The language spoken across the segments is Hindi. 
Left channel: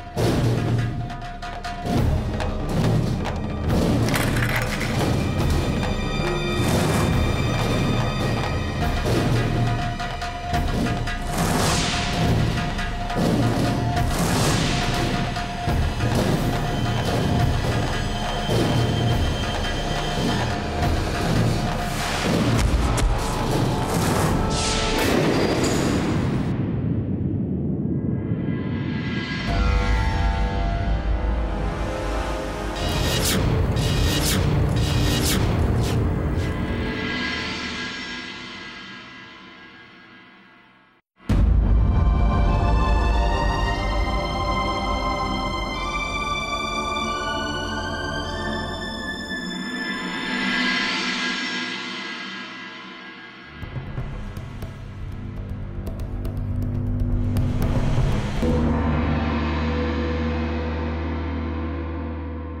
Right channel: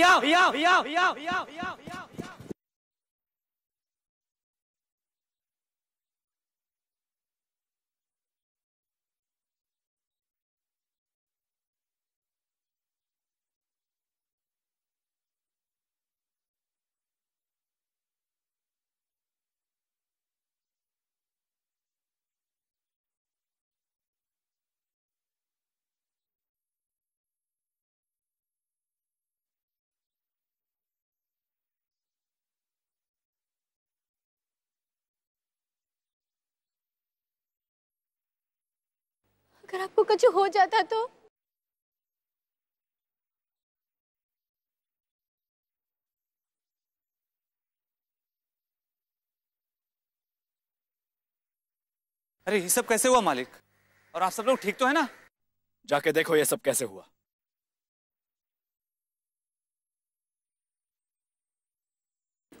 भैया भैया भैया भैया भैया। कुछ हो जाता तो? अरे ये सब कैसे हुआ मालिक? और आप सब लोग ठीक तो है ना? जाके देखो ये सब कैसे हुआ।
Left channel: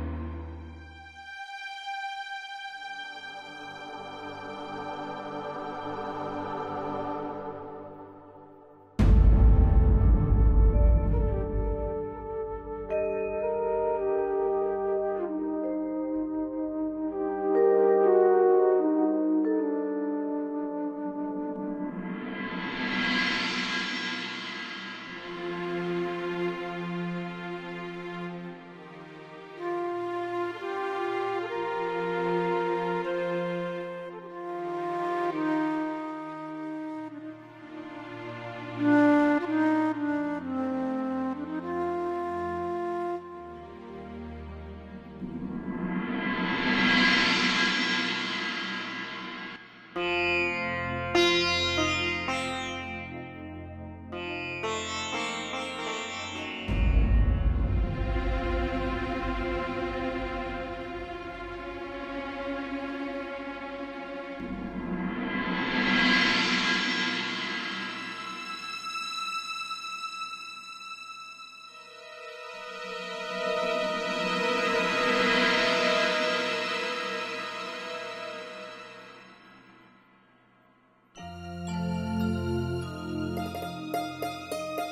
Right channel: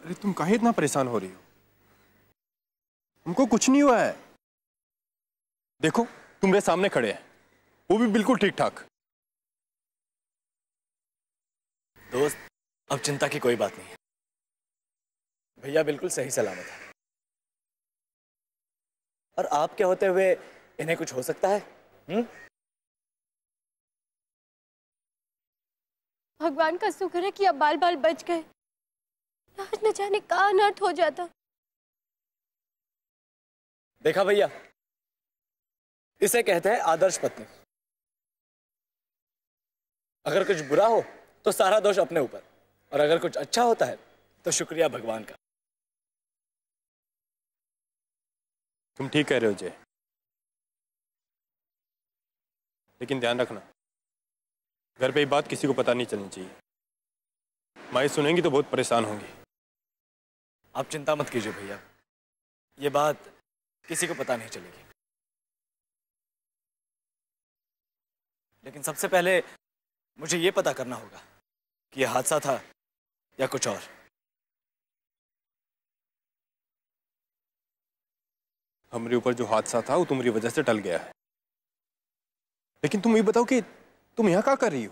अरे तुम काहे इतना परेशान हो रही हो? तुमको कुछ नहीं हुआ है। देखो तुम्हारे सामने खड़े हैं, वो भी बिल्कुल ठीक ठाक। दोस्त, अब चिंता की कोई बात नहीं है। भैया बिल्कुल सही सलामत है। और आपके होते हुए इन्हें कुछ हो सकता है? भगवान का शुक्र है कि अब बाल बाल बच गए, न जाने कहाँ अनर्थ हो जाता। देखा भैया, इसे कहते हैं आदर्श पत्नी। अगर कुछ बुरा हो तो सारा दोष अपने ऊपर, और अगर कुछ अच्छा होता है तो शुक्रिया भगवान का। तुम ठीक कह रहे हो जय, लेकिन ध्यान रखना, घर पे ये बात किसी को पता नहीं चलनी चाहिए। माई सुनेंगी तो बहुत परेशान होंगी। आप चिंता मत कीजिए भैया, ये बात किसी को पता नहीं चलेगी। लेकिन सबसे पहले मुझे ये पता करना होगा कि यह हादसा था या कुछ और। हमारे ऊपर जो हादसा था वो तुम्हारी वजह से टल गया है, लेकिन तुम ये बताओ कि तुम यहाँ क्या कर रही हो?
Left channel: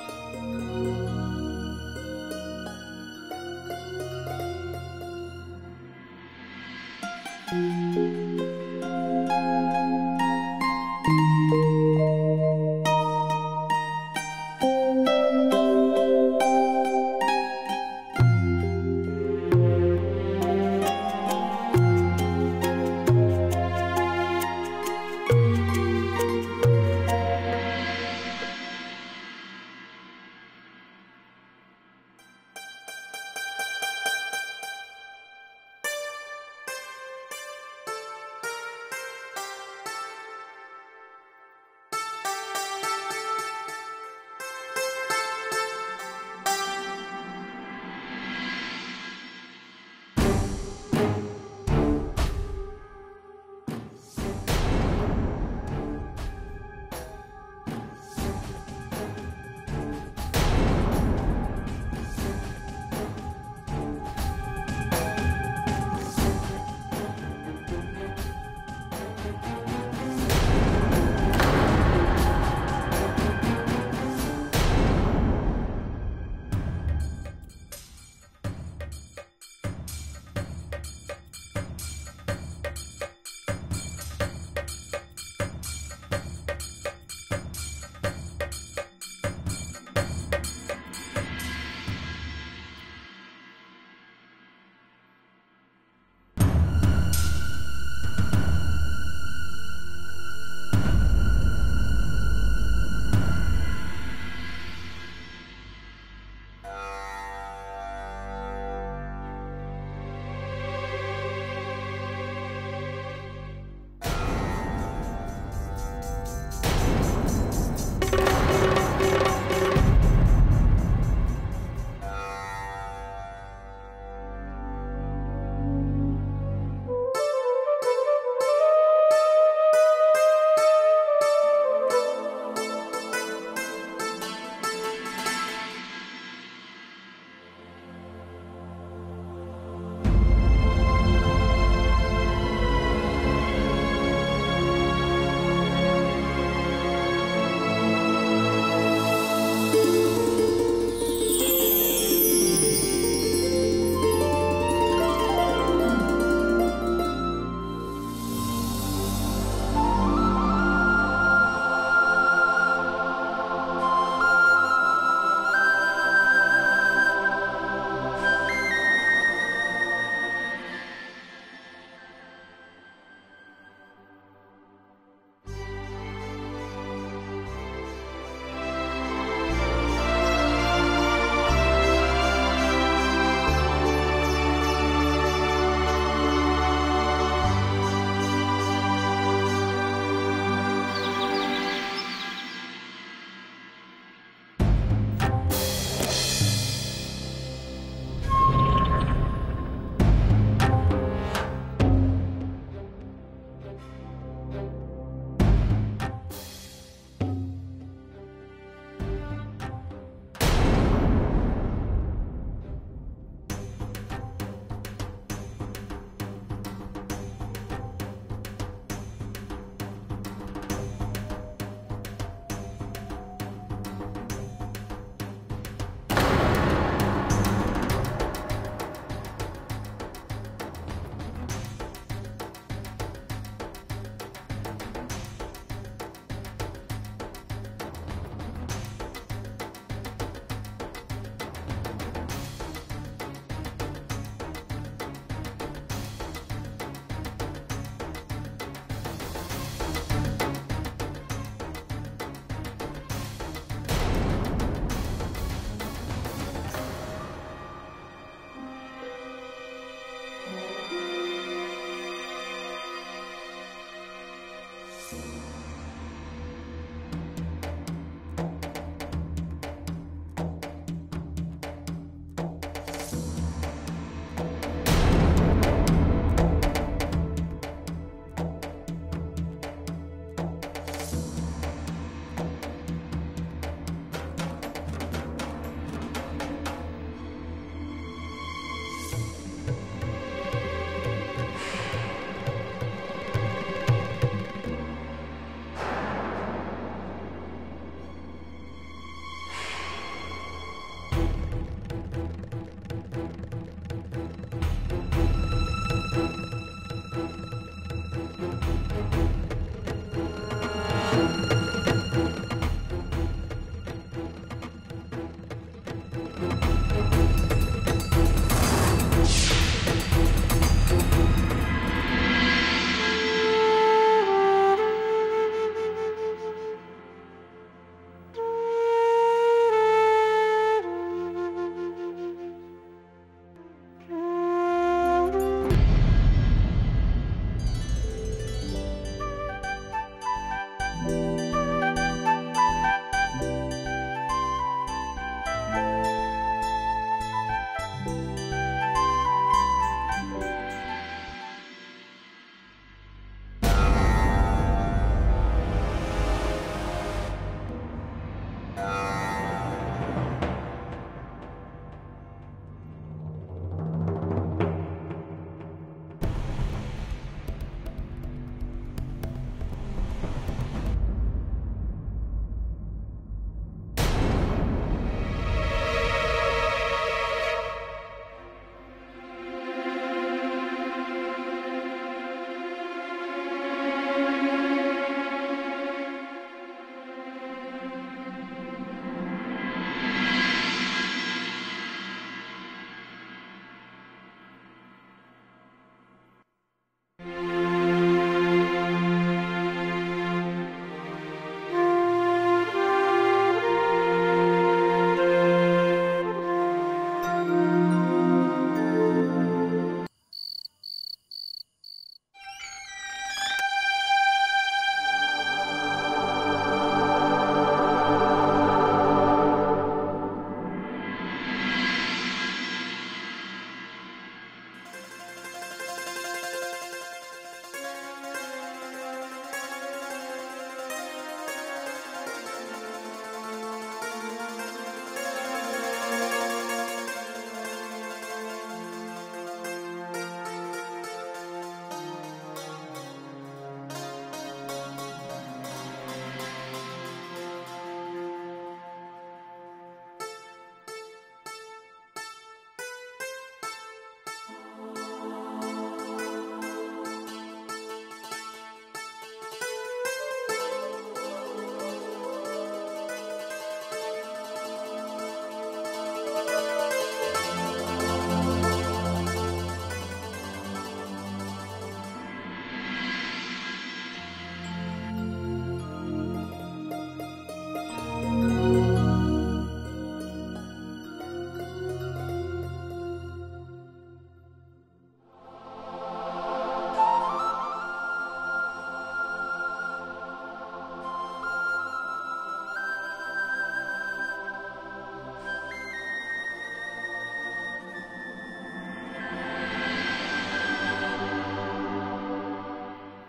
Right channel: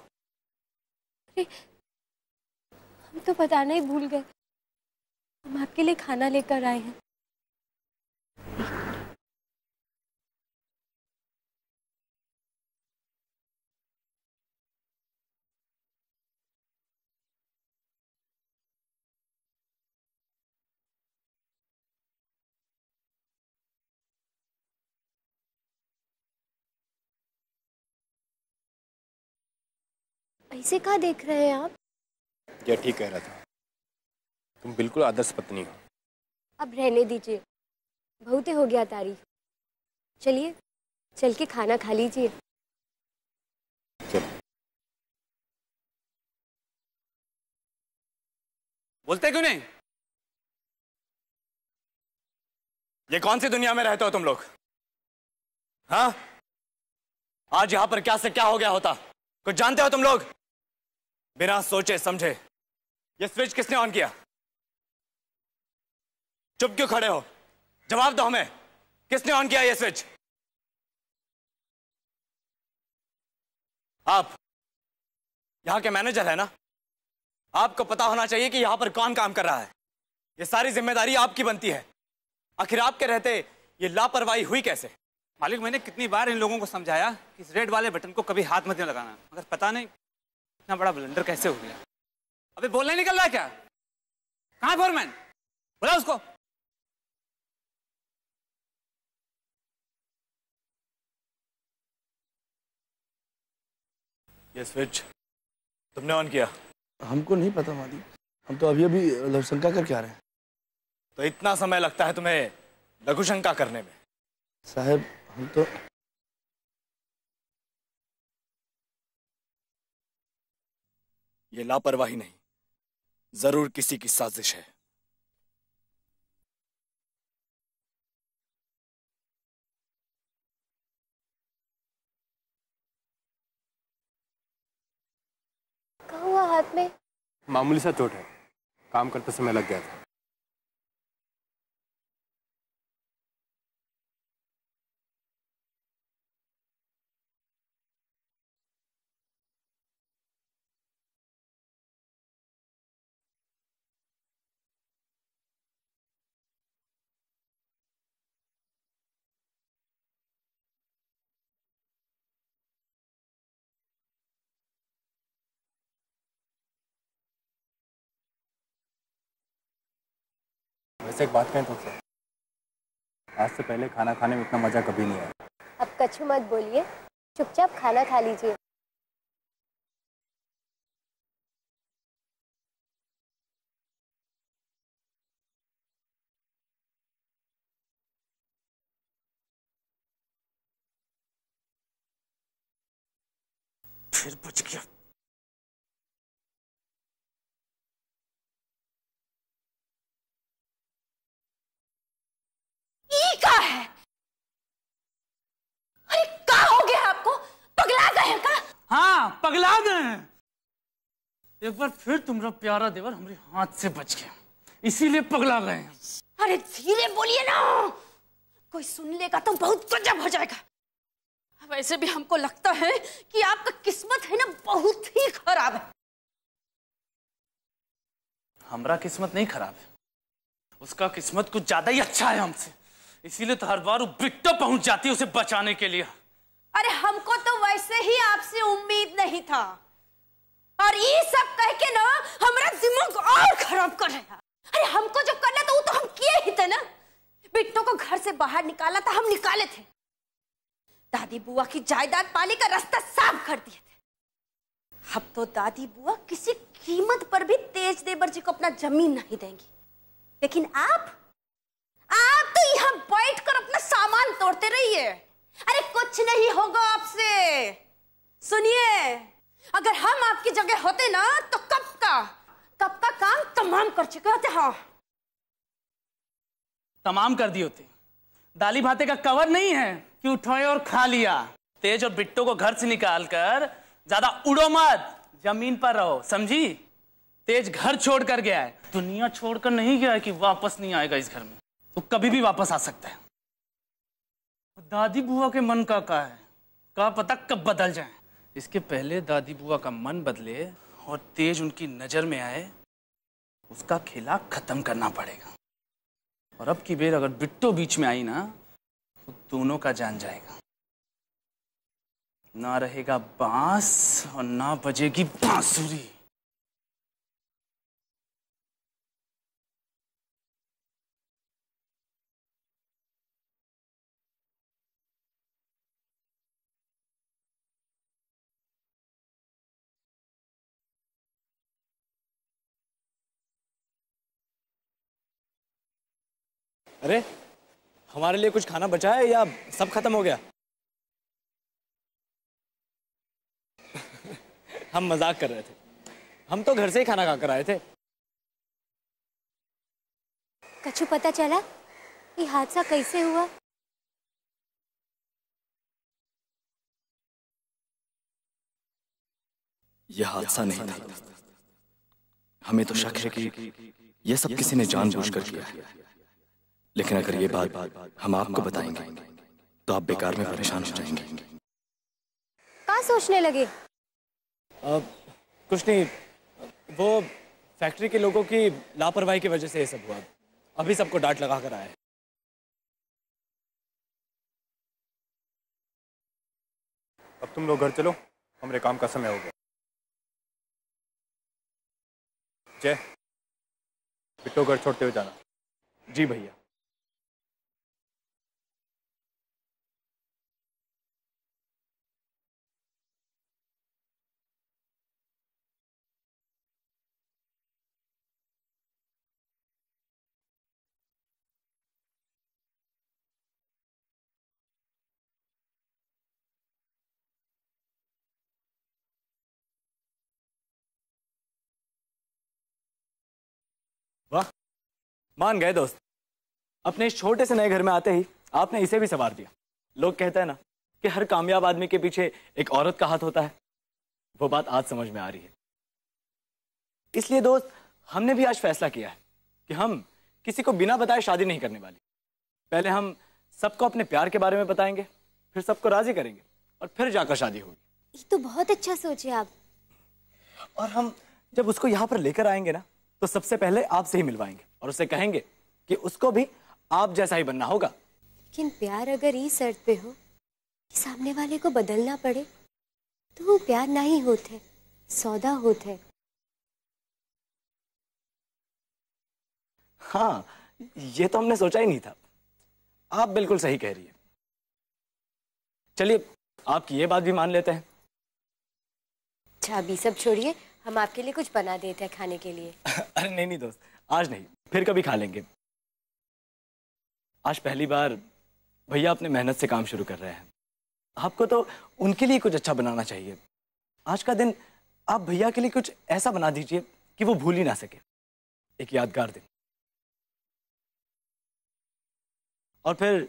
हम तो बताना ही भूल गए, हम आपके लिए खाना लेकर आए हैं। ऐसे क्या देख रहे हैं आप? ये ठीक कह रहा था, तुम बिल्कुल आदर्श पत्नी हो। अब रहने दीजिए, बहुत ही हो गया तारीफ। चलिए चल के खाना खा लीजिए। चलो। बोलते क्यों नहीं? ये कौन सी दुनिया में रहते हो तुम लोग? हाँ, आज यहां पर क्या से क्या हो गया होता कुछ जानते हो तुम लोग? बिना सोचे समझे ये स्विच किसने ऑन किया? चुप क्यों खड़े हो? जवाब दो हमें, किसने ऑन किया ये स्विच? आप यहां के मैनेजर है ना? आपको पता होना चाहिए कि यहां पर कौन काम कर रहा है। ये सारी जिम्मेदारी आपकी बनती है। आखिर आपके रहते ये लापरवाही हुई कैसे? मालिक, मैंने कितनी बार इन लोगों को समझाया, इस रेड वाले बटन को कभी हाथ मत लगाना, पर पता नहीं इतना बड़ा ब्लंडर कैसे हो गया। अबे बोलना ही निकल रहा है क्या? कहाँ है फोरमैन? बुला उसको। ये स्विच तुमने ऑन किया? हमको नहीं पता मालिक, हम तो अभी अभी लघुशंका करके आ रहे हैं। तो इतना समय लगता है तुम्हें लघुशंका करने में? साहब हम तो ये लापरवाही नहीं, जरूर किसी की साजिश है। क्या हुआ हाथ में? मामूली सा चोट है, काम करते समय लग गया था। वैसे एक बात कहें तुमसे, आज से पहले खाना खाने में इतना मजा कभी नहीं आया। अब कछु मत बोलिए, चुपचाप खाना खा लीजिए। फिर बच गया। ये क्या है? अरे क्या हो गया आपको? पगला गए हैं क्या? हाँ, पगला गए हैं। एक बार फिर तुम्हारा प्यारा देवर हमारे हाथ से बच गया, इसीलिए पगला गए। अरे धीरे बोलिए ना, कोई सुन लेगा तो बहुत गजब हो जाएगा। वैसे भी हमको लगता है कि आपका किस्मत है ना बहुत ही खराब है। हमारा किस्मत नहीं खराब है, उसका किस्मत कुछ ज्यादा ही अच्छा है हमसे, इसीलिए तो हर बार वो बिट्टो पहुंच जाती है उसे बचाने के लिए। अरे हमको तो वैसे ही आपसे उम्मीद नहीं था, और ये सब कह के ना हमारा दिमाग और खराब कर रहा है। अरे हमको जो करना था वो तो हम किए ही थे ना। बिट्टो को घर से बाहर निकाला था, हम निकाले थे। दादी बुआ की जायदाद पाने का रास्ता साफ कर दिया। अब तो दादी बुआ किसी कीमत पर भी तेज देवर जी को अपना जमीन नहीं देंगी। लेकिन आप तो यहाँ बैठ कर अपना सामान तोड़ते रहिए। अरे कुछ नहीं होगा आपसे। सुनिए, अगर हम आपकी जगह होते ना तो कब का काम तमाम कर चुके होते। हाँ, तमाम कर दिए होते। दाली भाते का कवर नहीं है कि उठाए और खा लिया। तेज और बिट्टो को घर से निकालकर ज्यादा उड़ो मत, जमीन पर रहो, समझी? तेज घर छोड़ कर गया है, दुनिया छोड़कर नहीं गया है कि वापस नहीं आएगा इस घर में। तो कभी भी वापस आ सकता है। दादी बुआ के मन का क्या है, क्या पता कब बदल जाए। इसके पहले दादी बुआ का मन बदले और तेज उनकी नजर में आए, उसका खेला खत्म करना पड़ेगा। और अब की बेर अगर बिट्टो बीच में आई ना, दोनों का जान जाएगा। ना रहेगा बांस और ना बजेगी बांसुरी। अरे हमारे लिए कुछ खाना बचा है या सब खत्म हो गया? हम मजाक कर रहे थे, हम तो घर से ही खाना खाकर आए थे। कछु पता चला ये हादसा कैसे हुआ? यह हादसा नहीं था, हमें तो शक है कि यह सब किसी ने जानबूझकर किया है। लेकिन अगर ये बात हम आपको बताएंगे तो आप बेकार में परेशान हो जाएंगे। क्या सोचने लगे? कुछ नहीं, वो फैक्ट्री के लोगों की लापरवाही की वजह से ये सब हुआ। अभी सबको डांट लगा कर आए। अब तुम लोग घर चलो, हमारे काम का समय हो गया। जय, बिट्टो घर छोड़ते हुए जाना। जी भैया। वाह, मान गए दोस्त। अपने इस छोटे से नए घर में आते ही आपने इसे भी संवार दिया। लोग कहते हैं ना कि हर कामयाब आदमी के पीछे एक औरत का हाथ होता है, वो बात आज समझ में आ रही है। इसलिए दोस्त, हमने भी आज फैसला किया है कि हम किसी को बिना बताए शादी नहीं करने वाले। पहले हम सबको अपने प्यार के बारे में बताएंगे, फिर सबको राजी करेंगे और फिर जाकर शादी होगी। ये तो बहुत अच्छा सोचे आप। और हम जब उसको यहाँ पर लेकर आएंगे ना, तो सबसे पहले आपसे ही मिलवाएंगे और उसे कहेंगे कि उसको भी आप जैसा ही बनना होगा। लेकिन प्यार अगर इस शर्त पे हो, सामने वाले को बदलना पड़े, तो वो प्यार नहीं होते, सौदा होते। हाँ, ये तो हमने सोचा ही नहीं था। आप बिल्कुल सही कह रही। चलिए आपकी ये बात भी मान लेते हैं। अच्छा अभी सब छोड़िए, हम आपके लिए कुछ बना देते हैं खाने के लिए। अरे नहीं नहीं दोस्त, आज नहीं, फिर कभी खा लेंगे। आज पहली बार भैया अपने मेहनत से काम शुरू कर रहे हैं। आपको तो उनके लिए कुछ अच्छा बनाना चाहिए। आज का दिन आप भैया के लिए कुछ ऐसा बना दीजिए कि वो भूल ही ना सके, एक यादगार दिन। और फिर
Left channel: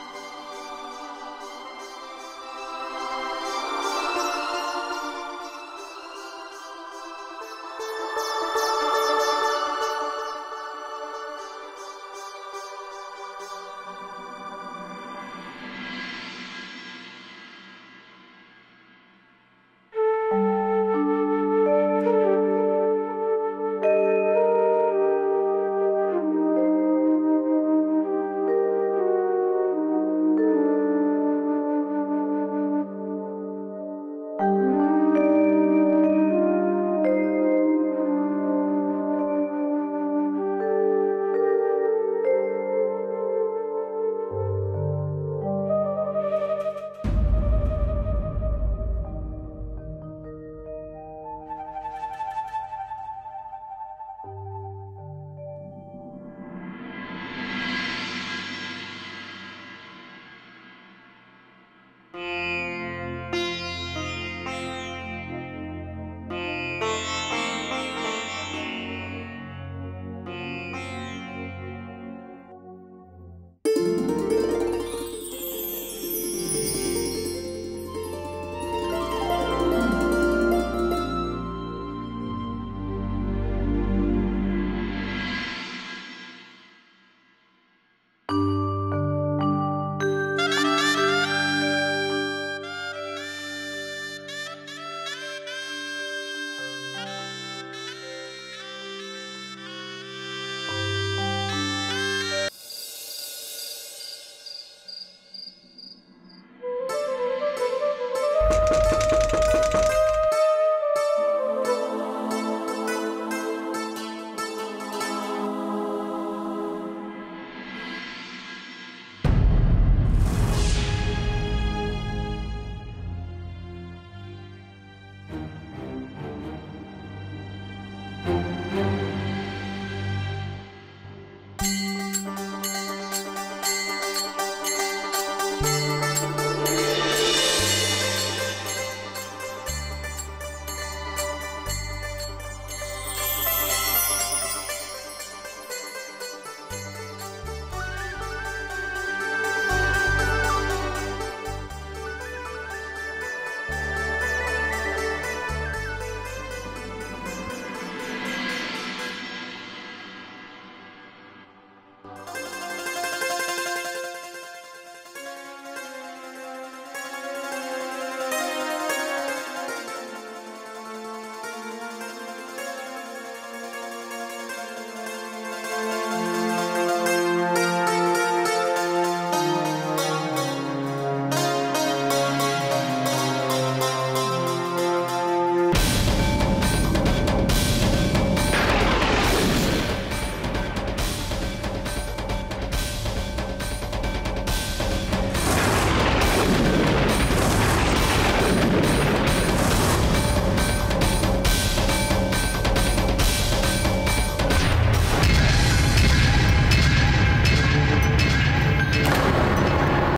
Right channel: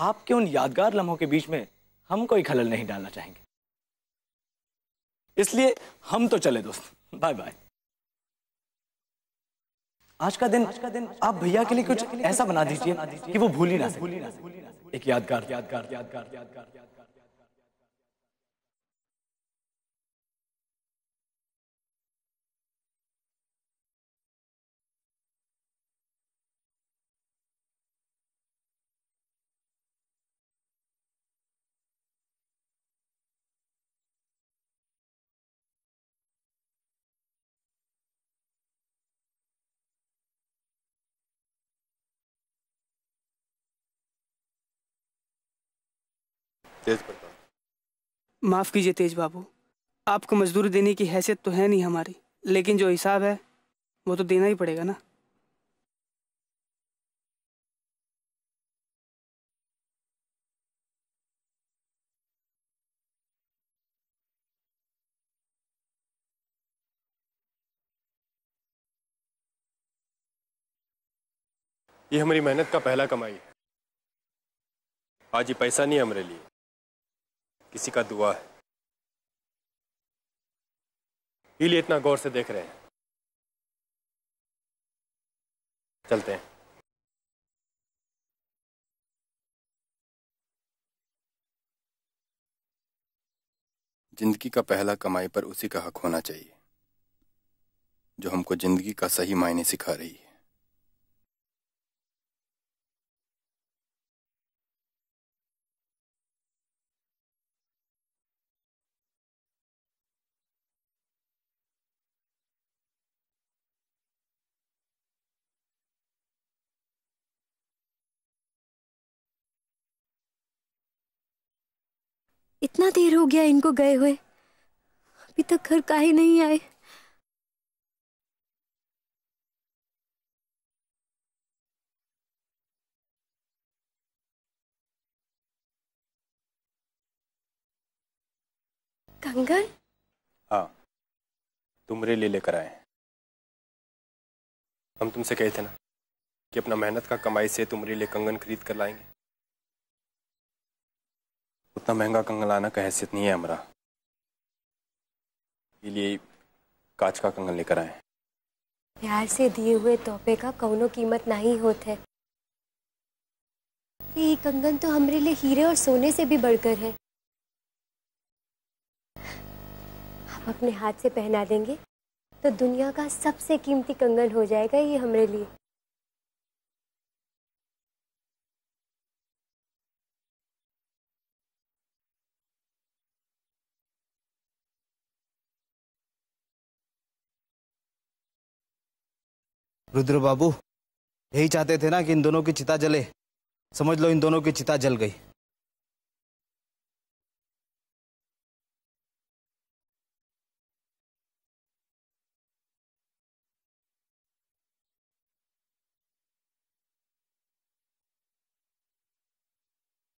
आपके उन यादगार लम्हों के बीच में हम कोई खलल नहीं डालना चाहिए। इसलिए हम तो चले दोस्त, बाय बाय। आज का दिन आप भैया के लिए कुछ ऐसा बना दीजिए कि वो भूल ही ना सके, एक यादगार। माफ कीजिए तेज बाबू, आपको मजदूरी देने की हैसियत तो है नहीं हमारी, लेकिन जो हिसाब है वो तो देना ही पड़ेगा ना। ये हमारी मेहनत का पहला कमाई है। आज ये पैसा नहीं है हमारे लिए, किसी का दुआ है, इसलिए इतना गौर से देख रहे हैं। चलते हैं। जिंदगी का पहला कमाई पर उसी का हक होना चाहिए जो हमको जिंदगी का सही मायने सिखा रही है। इतना देर हो गया इनको गए हुए, अभी तक घर काहे नहीं आए। कंगन? हाँ, तुमरे लिए लेकर आए। हम तुमसे कहे थे ना कि अपना मेहनत का कमाई से तुम्हारे लिए कंगन खरीद कर लाए। उतना महंगा कंगन लाना का हैसियत नहीं है हमारा, ये कांच का कंगन लेकर आए। प्यार से दिए हुए तोहफे का कौनो कीमत नहीं होते। ये कंगन तो हमारे लिए हीरे और सोने से भी बढ़कर है। आप अपने हाथ से पहना देंगे तो दुनिया का सबसे कीमती कंगन हो जाएगा ये हमारे लिए। रुद्र बाबू यही चाहते थे ना कि इन दोनों की चिता जले। समझ लो इन दोनों की चिता जल गई।